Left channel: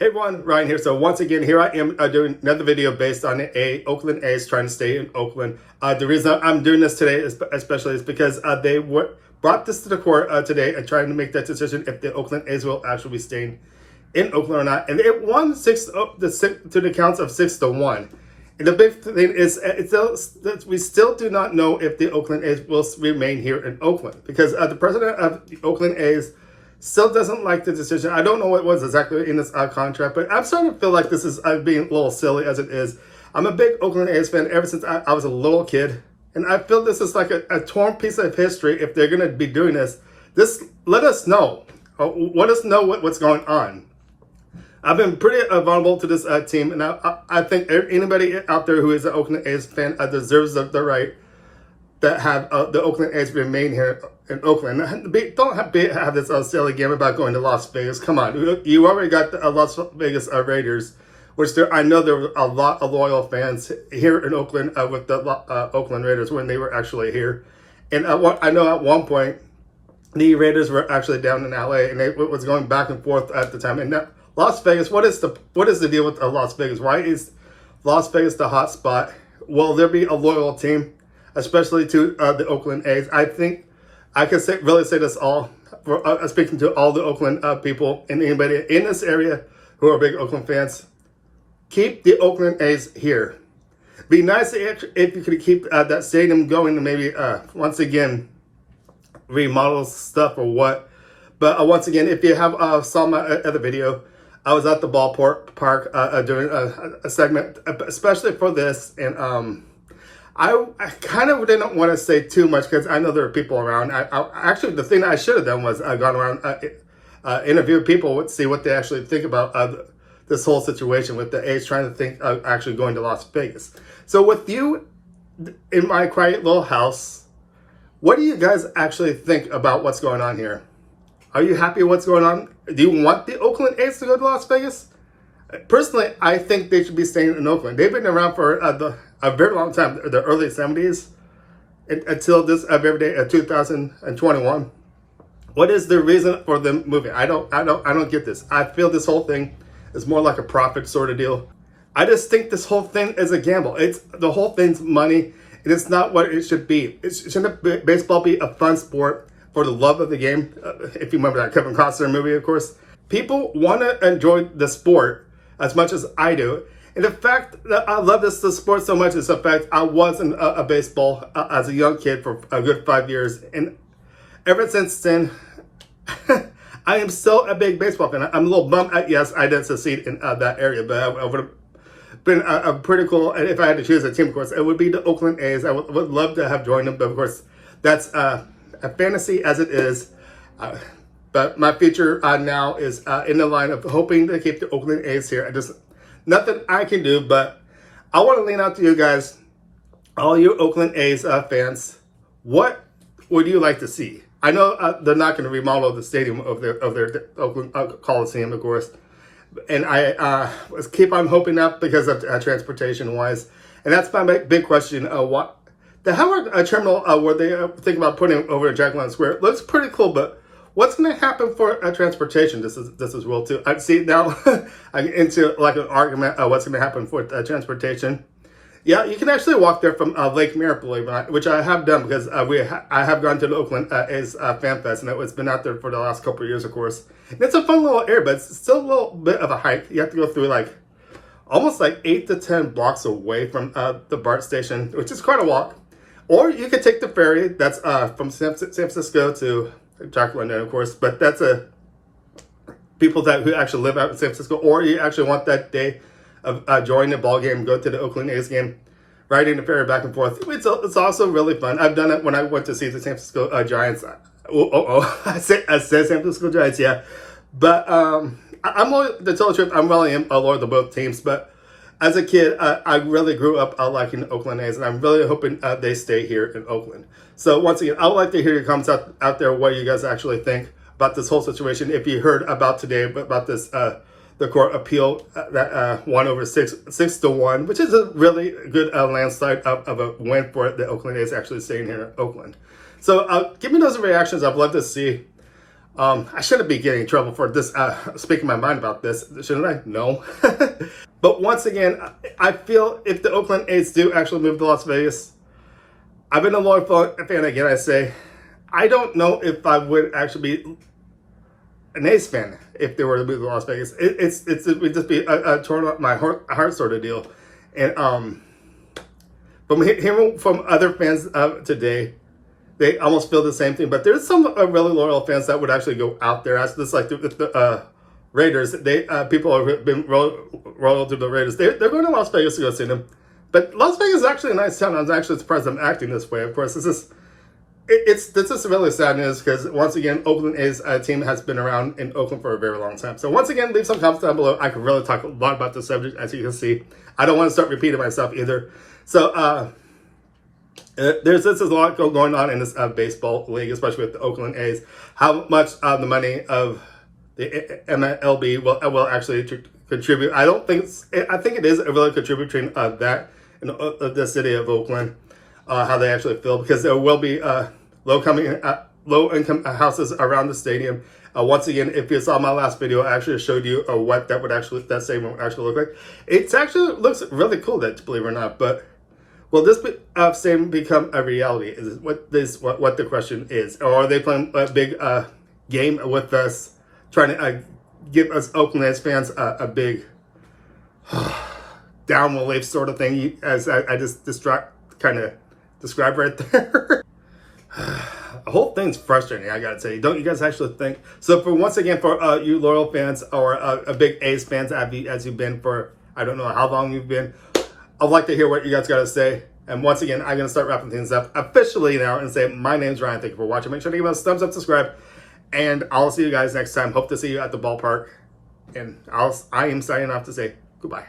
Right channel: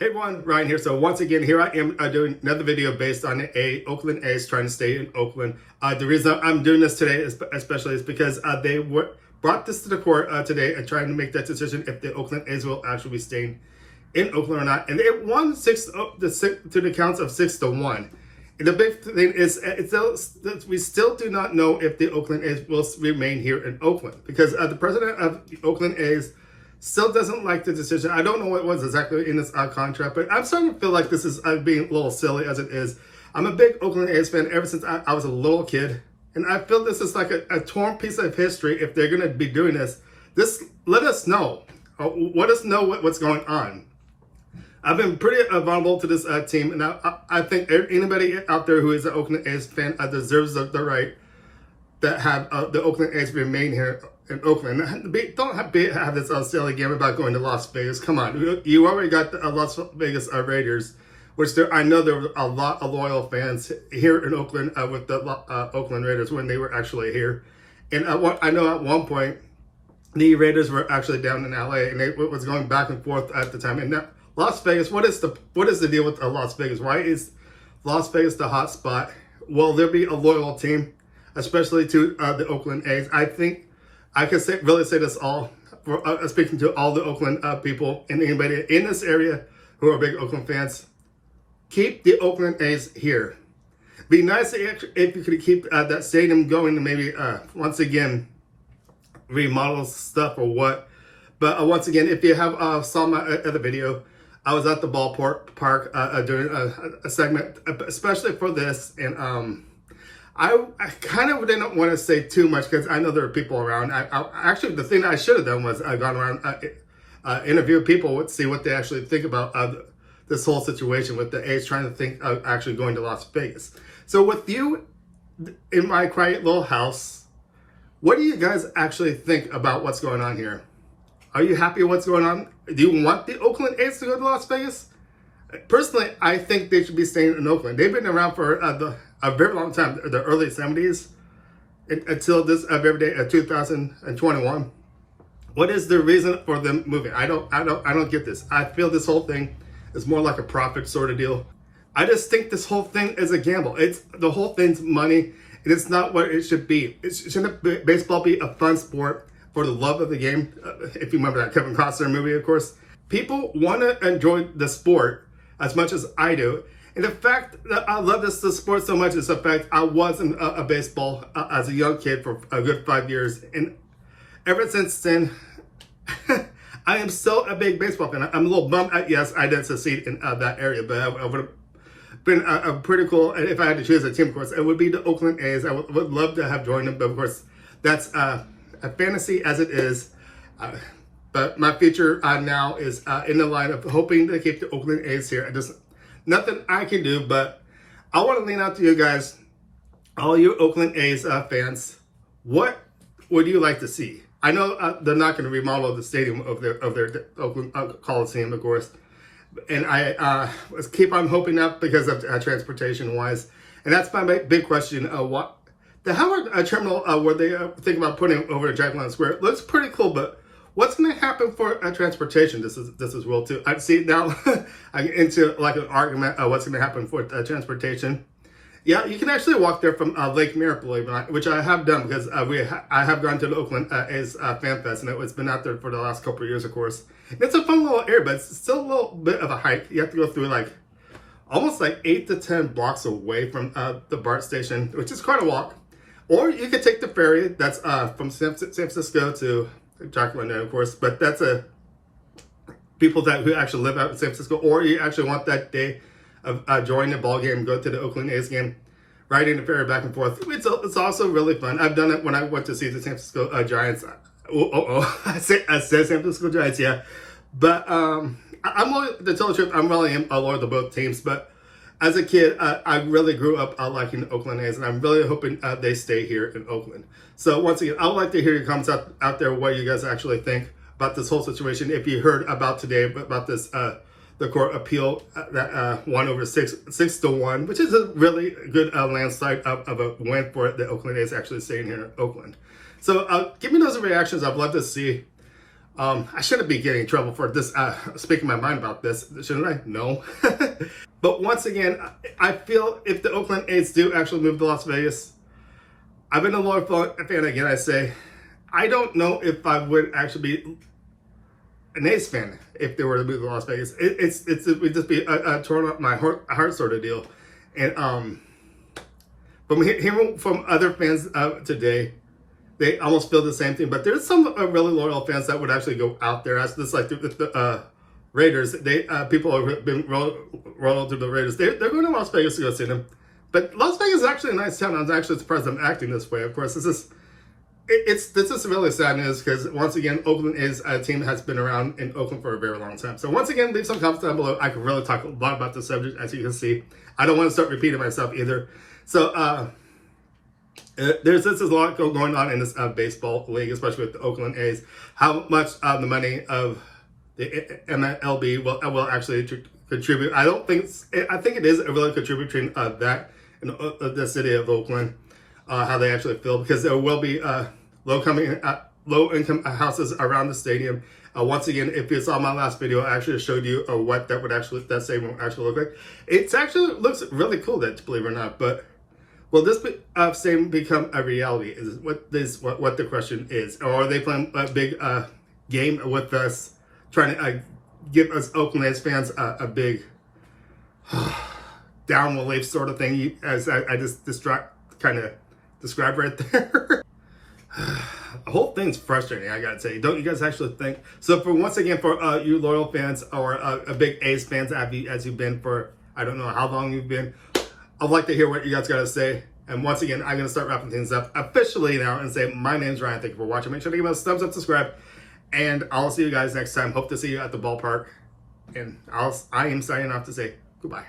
Hey everyone, Ryan here. So once again, here I am doing another video based on the Oakland A's trying to stay in Oakland. The reason I'm doing this today especially is because they brought this to the court today and trying to make that decision if the Oakland A's will actually be staying in Oakland or not. And it won to the counts of 6-1. And the big thing is we still do not know if the Oakland A's will remain here in Oakland because the president of the Oakland A's still doesn't like the decision. I don't know what was exactly in this contract, but I'm starting to feel like this is being a little silly as it is. I'm a big Oakland A's fan ever since I was a little kid, and I feel this is like a torn piece of history if they're going to be doing this. Let us know. Let us know what's going on. I've been pretty vulnerable to this team, and I think anybody out there who is an Oakland A's fan deserves the right that have the Oakland A's remain here in Oakland. Don't have this silly game about going to Las Vegas. Come on, you already got the Las Vegas Raiders, which I know there were a lot of loyal fans here in Oakland with the Oakland Raiders when they were actually here. And I know at one point the Raiders were actually down in LA, and it was going back and forth at the time. And that, Las Vegas, what is the deal with Las Vegas? Why is Las Vegas the hot spot? Will there be a loyal team, especially to the Oakland A's? I think I can really say this all, speaking to all the Oakland people and anybody in this area who are big Oakland fans. Keep the Oakland A's here. Be nice if you could keep that stadium going and maybe once again remodel stuff or what. But once again, if you have saw my other video, I was at the ballpark during a segment, especially for this, and I kind of didn't want to say too much because I know there are people around. Actually, the thing that I should have done was gone around, interview people, see what they actually think about this whole situation with the A's trying to think of actually going to Las Vegas. So with you in my quiet little house, what do you guys actually think about what's going on here? Are you happy with what's going on? Do you want the Oakland A's to go to Las Vegas? Personally, I think they should be staying in Oakland. They've been around for a very long time, the early 70s, until this very day, 2021. What is the reason for them moving? I don't get this. I feel this whole thing is more like a profit sort of deal. I just think this whole thing is a gamble. The whole thing's money, and it's not what it should be. Shouldn't baseball be a fun sport for the love of the game? If you remember that Kevin Costner movie, of course. People want to enjoy the sport as much as I do. And the fact that I love the sport so much is the fact I was in a baseball as a young kid for a good 5 years. And ever since then, I am still a big baseball fan. I'm a little bummed at, yes, I didn't succeed in that area, but I would have been pretty cool. And if I had to choose a team, of course, it would be the Oakland A's. I would love to have joined them, but of course, that's a fantasy as it is. But my future now is in the line of hoping to keep the Oakland A's here. Nothing I can do, but I want to lean out to you guys, all you Oakland A's fans. What would you like to see? I know they're not going to remodel the stadium of their Oakland Coliseum, of course, and I keep on hoping that because of transportation wise, and that's my big question. What the Howard Terminal, where they think about putting over at Jack London Square, looks pretty cool, but what's going to happen for transportation? This is real too. I see now. I get into like an argument of what's going to happen for transportation. Yeah, you can actually walk there from Lake Merritt, believe it or not, which I have done because I have gone to the Oakland A's Fan Fest, and it's been out there for the last couple of years, of course. And it's a fun little area, but it's still a little bit of a hike. You have to go through like almost like 8 to 10 blocks away from the BART station, which is quite a walk. Or you could take the ferry that's from San Francisco to Jack London, of course, but that's people who actually live out in San Francisco, or you actually want that day of joining the ball game, go to the Oakland A's game, riding the ferry back and forth. It's also really fun. I've done it when I went to see the San Francisco Giants. I said San Francisco Giants, yeah. But I'm really, to tell the truth, I'm really loyal to both teams. But as a kid, I really grew up liking the Oakland A's, and I'm really hoping they stay here in Oakland. So once again, I would like to hear your comments out there, what you guys actually think about this whole situation. If you heard about today, about this, the court appeal that won over 6-1, which is a really good landslide of a win for the Oakland A's actually staying here in Oakland. So give me those reactions. I'd love to see. I shouldn't be getting in trouble for this, speaking my mind about this, shouldn't I? No. But once again, I feel if the Oakland A's do actually move to Las Vegas, I've been a loyal fan again, I say. I don't know if I would actually be an A's fan if they were to move to Las Vegas. It would just be a torn up my heart sort of deal. And from hearing from other fans today, they almost feel the same thing. But there's some really loyal fans that would actually go out there. As just like the Raiders, people have been loyal to the Raiders. They're going to Las Vegas to go see them. But Las Vegas is actually a nice town. I was actually surprised I'm acting this way. Of course, this is really sad news because once again, Oakland A's team has been around in Oakland for a very long time. So once again, leave some comments down below. I could really talk a lot about this subject, as you can see. I don't want to start repeating myself either. So there's a lot going on in this baseball league, especially with the Oakland A's. How much the money of the MLB will actually contribute? I think it is really contributing that in the city of Oakland. How they actually feel, because there will be low-income houses around the stadium. Once again, if you saw my last video, I actually showed you what that stadium would actually look like. It actually looks really cool, that, believe it or not. But will this stadium become a reality? Is what the question is, or are they playing a big game with us, trying to give us Oakland A's fans a big down relief sort of thing, as I just kind of described right there? The whole thing's frustrating, I gotta tell you. Don't you guys actually think? So once again, for you loyal fans, or a big A's fans as you've been for, I don't know how long you've been, I'd like to hear what you guys gotta say. And once again, I'm gonna start wrapping things up officially now and say, my name's Ryan. Thank you for watching. Make sure to give us a thumbs up, subscribe, and I'll see you guys next time. Hope to see you at the ballpark. And I am signing off to say goodbye.